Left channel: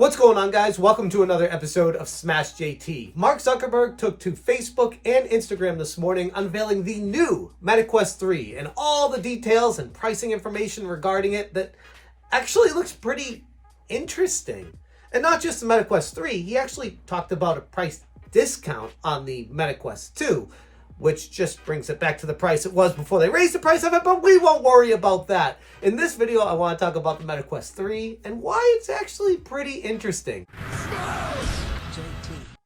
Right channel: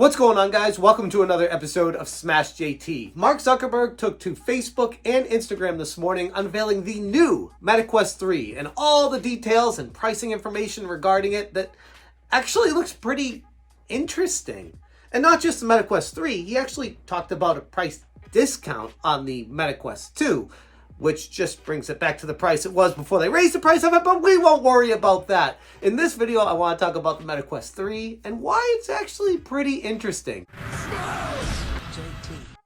What's going on, guys? Welcome to another episode of Smash JT. Mark Zuckerberg took to Facebook and Instagram this morning unveiling the new Meta Quest 3 and all the details and pricing information regarding it that actually looks pretty interesting. And not just the Meta Quest 3, he actually talked about a price discount on the Meta Quest 2, which just brings it back to the price it was before they raised the price of it, but we won't worry about that. In this video, I want to talk about the Meta Quest 3 and why it's actually pretty interesting.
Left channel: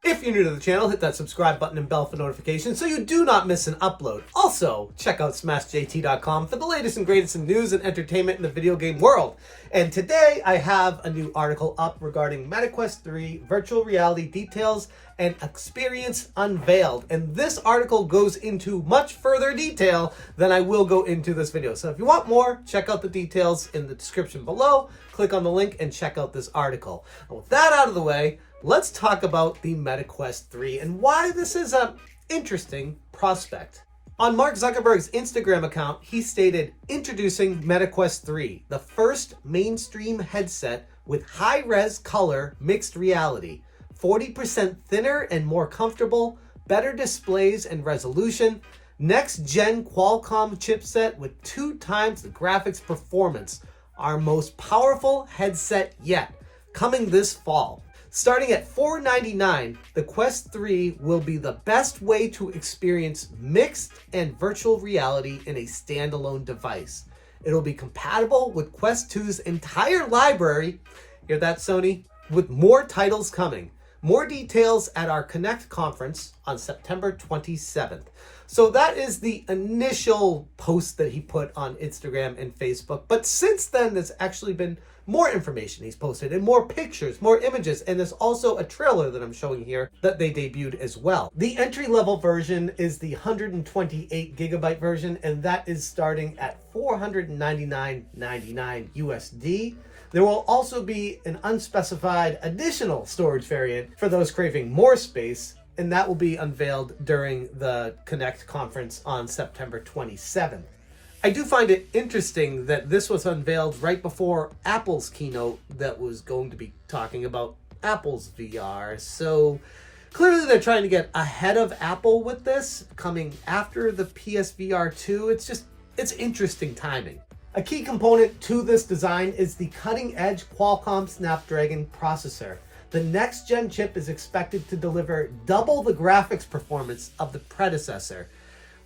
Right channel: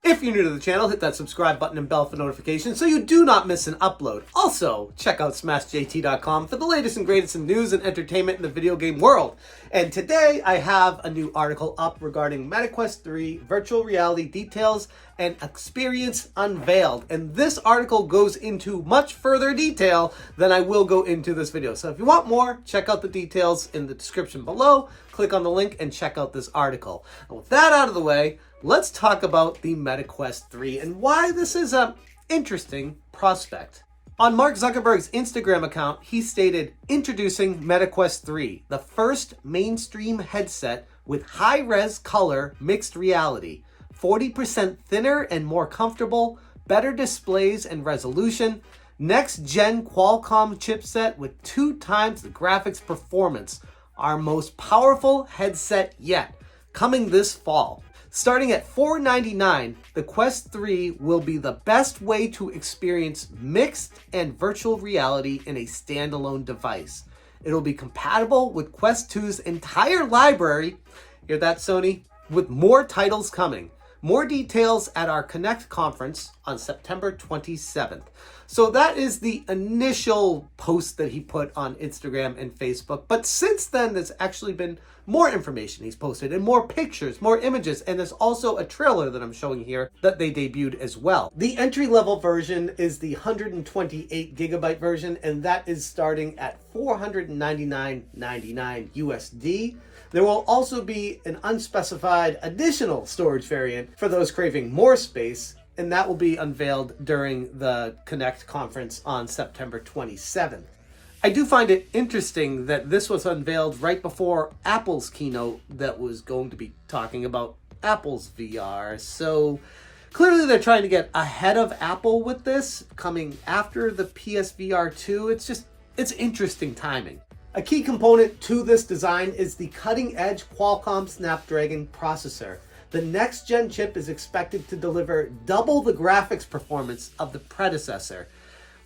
If you're new to the channel, hit that subscribe button and bell for notifications so you do not miss an upload. Also, check out smashjt.com for the latest and greatest in news and entertainment in the video game world. And today, I have a new article up regarding Meta Quest 3 virtual reality details and experience unveiled. And this article goes into much further detail than I will go into this video. So if you want more, check out the details in the description below. Click on the link and check out this article. And with that out of the way, let's talk about the Meta Quest 3 and why this is an interesting prospect. On Mark Zuckerberg's Instagram account, he stated, introducing Meta Quest 3, the first mainstream headset with high-res color mixed reality, 40% thinner and more comfortable, better displays and resolution, next-gen Qualcomm chipset with 2 times the graphics performance, our most powerful headset yet, coming this fall. Starting at $499, the Quest 3 will be the best way to experience mixed and virtual reality in a standalone device. It'll be compatible with Quest 2's entire library, hear that, Sony? With more titles coming. More details at our Connect conference on September 27th. So that is the initial post that he put on Instagram and Facebook. But since then, there's actually been more information he's posted and more pictures, more images. And there's also a trailer that I'm showing here that they debuted as well. The entry-level version is the 128 gigabyte version, and that is starting at $499.99 USD. There will also be an unspecified additional storage variant for those craving more space, and that will be unveiled during the Connect conference on September 27th. I do find it interesting that this was unveiled right before Apple's keynote that was going to be talking about Apple's VR. So clearly they're trying to get ahead of Apple with this, coming after the PSVR 2. It's interesting timing. A key component to this design is the cutting-edge Qualcomm Snapdragon processor. The next-gen chip is expected to deliver double the graphics performance of the predecessor,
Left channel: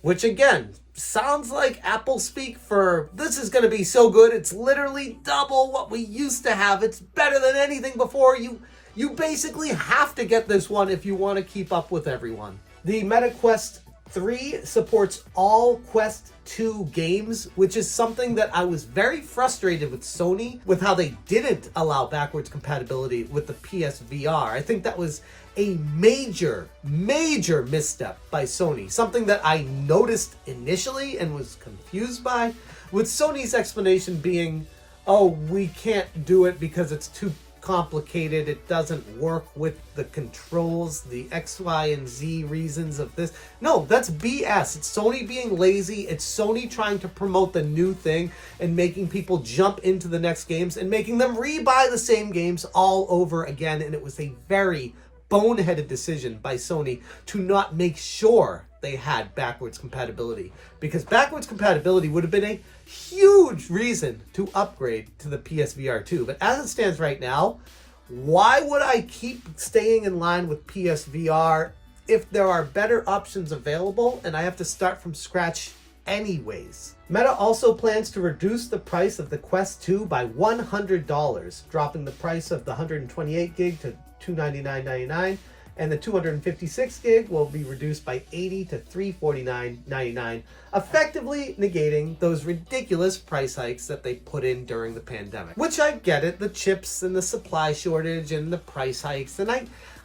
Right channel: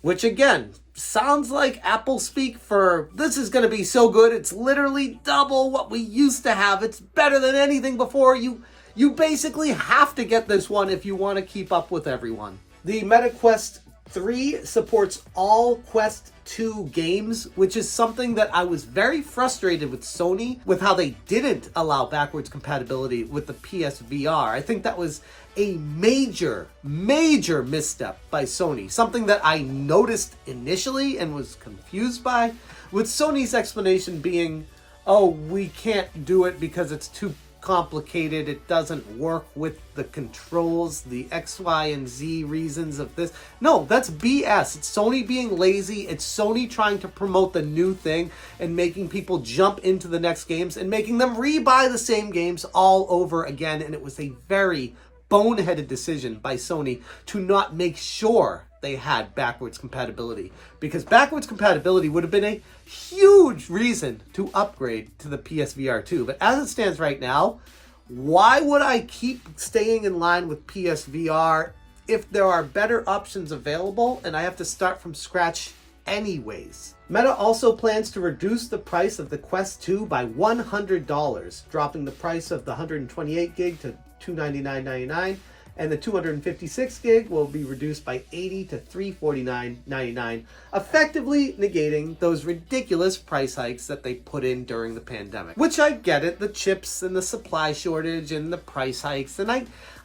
which again, sounds like Apple speak for this is going to be so good, it's literally double what we used to have. It's better than anything before. You basically have to get this one if you want to keep up with everyone. The Meta Quest 3 supports all Quest 2 games, which is something that I was very frustrated with Sony with how they didn't allow backwards compatibility with the PSVR. I think that was a major misstep by Sony. Something that I noticed initially and was confused by, with Sony's explanation being, oh, we can't do it because it's too complicated, it doesn't work with the controls, the X, Y, and Z reasons of this. No, that's BS. It's Sony being lazy. It's Sony trying to promote the new thing and making people jump into the next games and making them rebuy the same games all over again. And it was a very boneheaded decision by Sony to not make sure they had backwards compatibility, because backwards compatibility would have been a huge reason to upgrade to the PSVR 2. But as it stands right now, why would I keep staying in line with PSVR if there are better options available and I have to start from scratch anyways? Meta also plans to reduce the price of the Quest 2 by $100, dropping the price of the 128 gig to $299.99, and the 256 gig will be reduced by $80 to $349.99, effectively negating those ridiculous price hikes that they put in during the pandemic. Which I get it, the chips and the supply shortage and the price hikes, and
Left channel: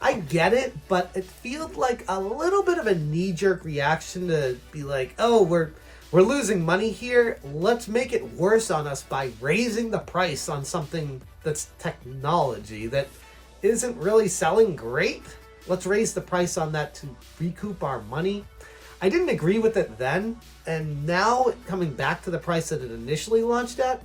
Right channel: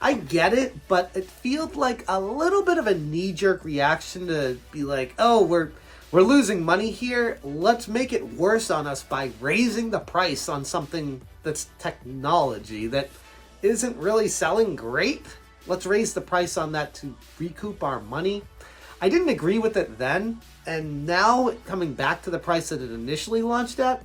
I get it, but it feels like a little bit of a knee-jerk reaction to be like, oh, we're losing money here, let's make it worse on us by raising the price on something that's technology that isn't really selling great. Let's raise the price on that to recoup our money. I didn't agree with it then, and now coming back to the price that it initially launched at,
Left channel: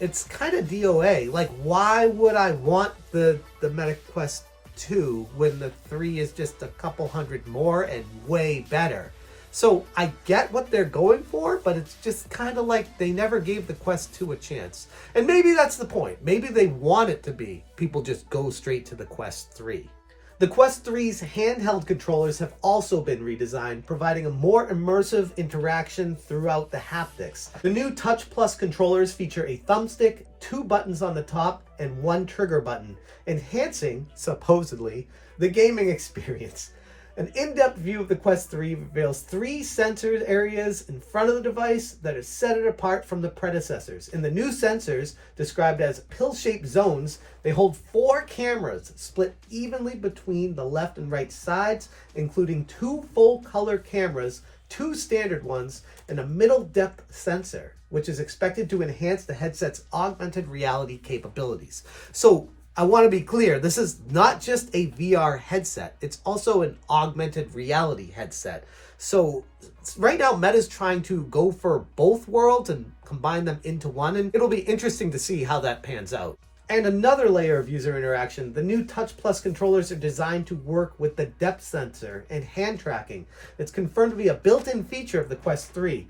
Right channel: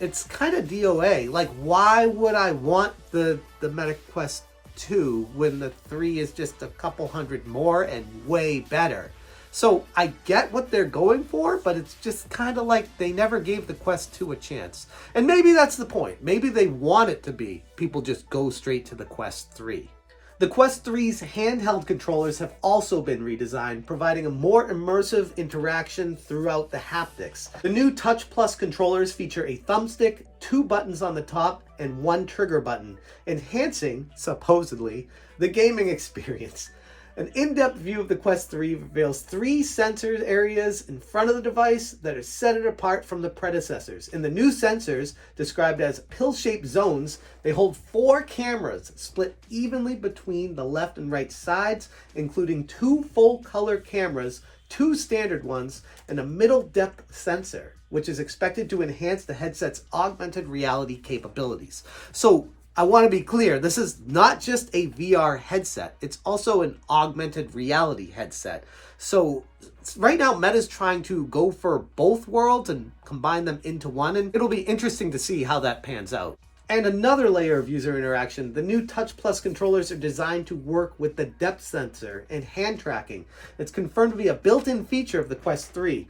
it's kind of DOA. Like, why would I want the Meta Quest 2 when the 3 is just a couple hundred more and way better? So I get what they're going for, but it's just kind of like they never gave the Quest 2 a chance. And maybe that's the point. Maybe they want it to be people just go straight to the Quest 3. The Quest 3's handheld controllers have also been redesigned, providing a more immersive interaction throughout the haptics. The new Touch Plus controllers feature a thumbstick, 2 buttons on the top, and 1 trigger button, enhancing, supposedly, the gaming experience. An in-depth view of the Quest 3 reveals 3 sensor areas in front of the device that are set it apart from the predecessors. In the new sensors, described as pill-shaped zones, they hold 4 cameras split evenly between the left and right sides, including 2 full-color cameras, 2 standard ones, and a middle-depth sensor, which is expected to enhance the headset's augmented reality capabilities. So, I want to be clear, this is not just a VR headset, it's also an augmented reality headset. So right now Meta's trying to go for both worlds and combine them into one, and it'll be interesting to see how that pans out. And another layer of user interaction, the new Touch Plus controllers are designed to work with the depth sensor and hand tracking. It's confirmed to be a built-in feature of the Quest 3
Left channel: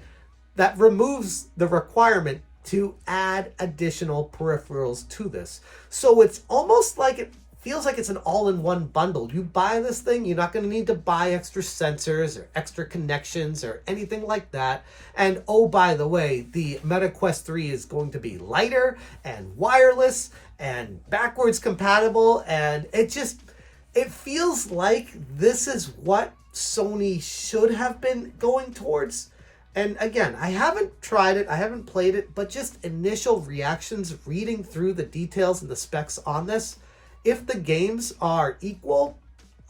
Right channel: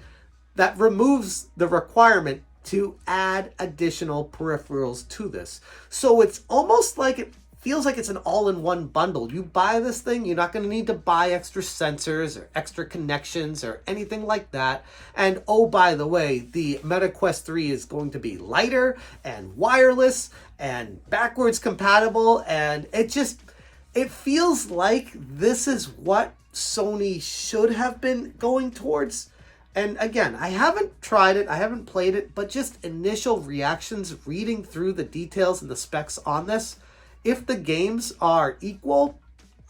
that removes the requirement to add additional peripherals to this. So it's almost like it feels like it's an all-in-one bundle. You buy this thing, you're not going to need to buy extra sensors or extra connections or anything like that. And oh, by the way, the Meta Quest 3 is going to be lighter and wireless and backwards compatible, and it feels like this is what Sony should have been going towards. And again, I haven't tried it, I haven't played it, but just initial reactions reading through the details and the specs on this, if the games are equal,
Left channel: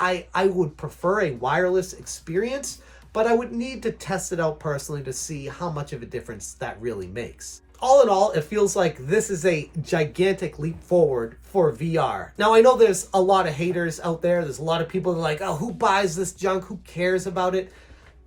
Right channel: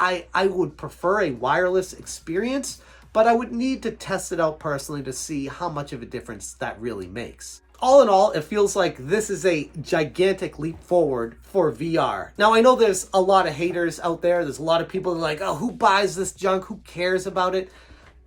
I would prefer a wireless experience, but I would need to test it out personally to see how much of a difference that really makes. All in all, it feels like this is a gigantic leap forward for VR. Now, I know there's a lot of haters out there. There's a lot of people that are like, oh, who buys this junk? Who cares about it?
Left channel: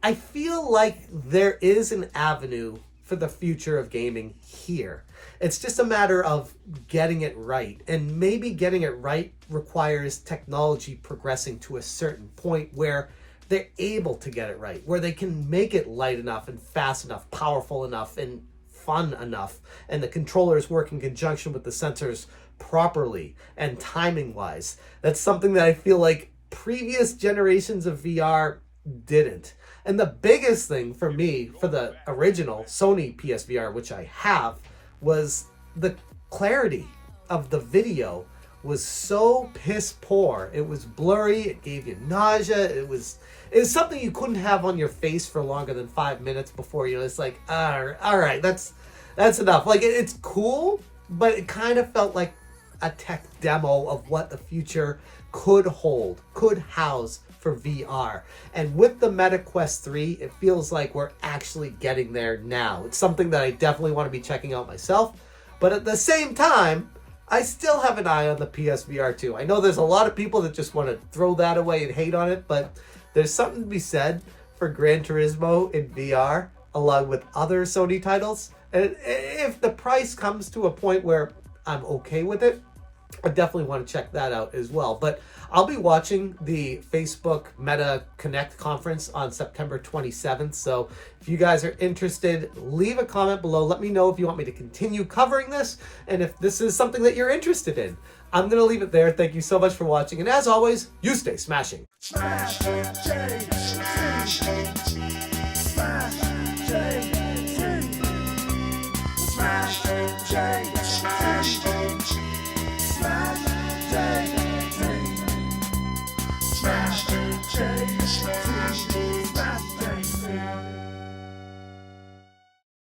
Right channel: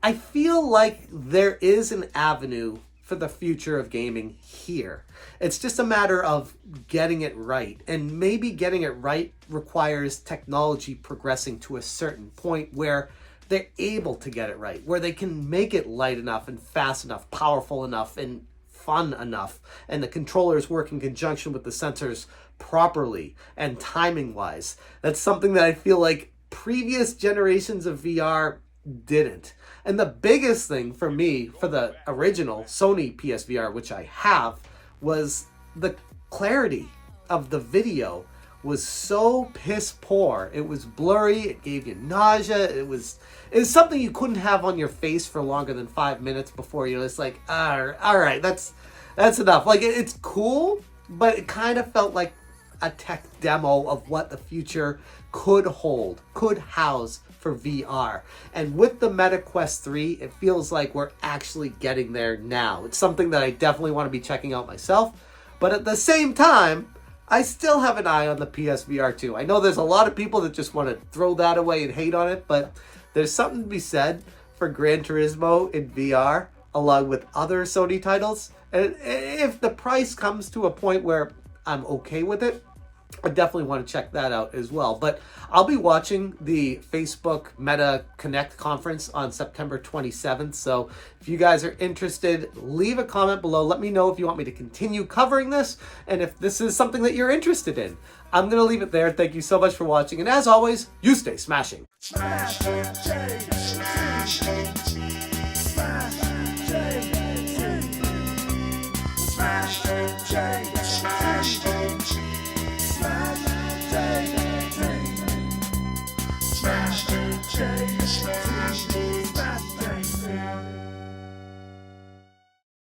I feel like there is an avenue for the future of gaming here. It's just a matter of getting it right. And maybe getting it right requires technology progressing to a certain point where they're able to get it right, where they can make it light enough and fast enough, powerful enough, and fun enough, and the controllers work in conjunction with the sensors properly and timing-wise. That's something that I feel like previous generations of VR didn't. And the biggest thing for me, for the original Sony PSVR, which I have, was the clarity of the video was so piss poor. It was blurry, it gave you nausea, it's something you couldn't have on your face for longer than 5 minutes before you. It's like, all right, that's enough. Like, it's cool, but it kind of felt like a tech demo of what the future could hold, could house for VR. And with the Meta Quest 3, it feels like we're actually getting there now. It's something that I definitely want to be checking out myself. But at the same time, I still have an eye on the PSVR 2. I know there's a lot of people that just want to throw that away and hate on it, but there's something to be said for Gran Turismo in VR, along with other Sony titles. And if the price comes to a point where I'm okay with it, I definitely want to check that out as well. But I'll be watching the Facebook Meta Connect conference on September 27th. So if you guys are interested, leave a comment below. Let me know if you want me to continue covering this and if this is something that you're interested in. I'm going to leave it there. Thank you so much for watching. And as always, you stay smashing. Smash,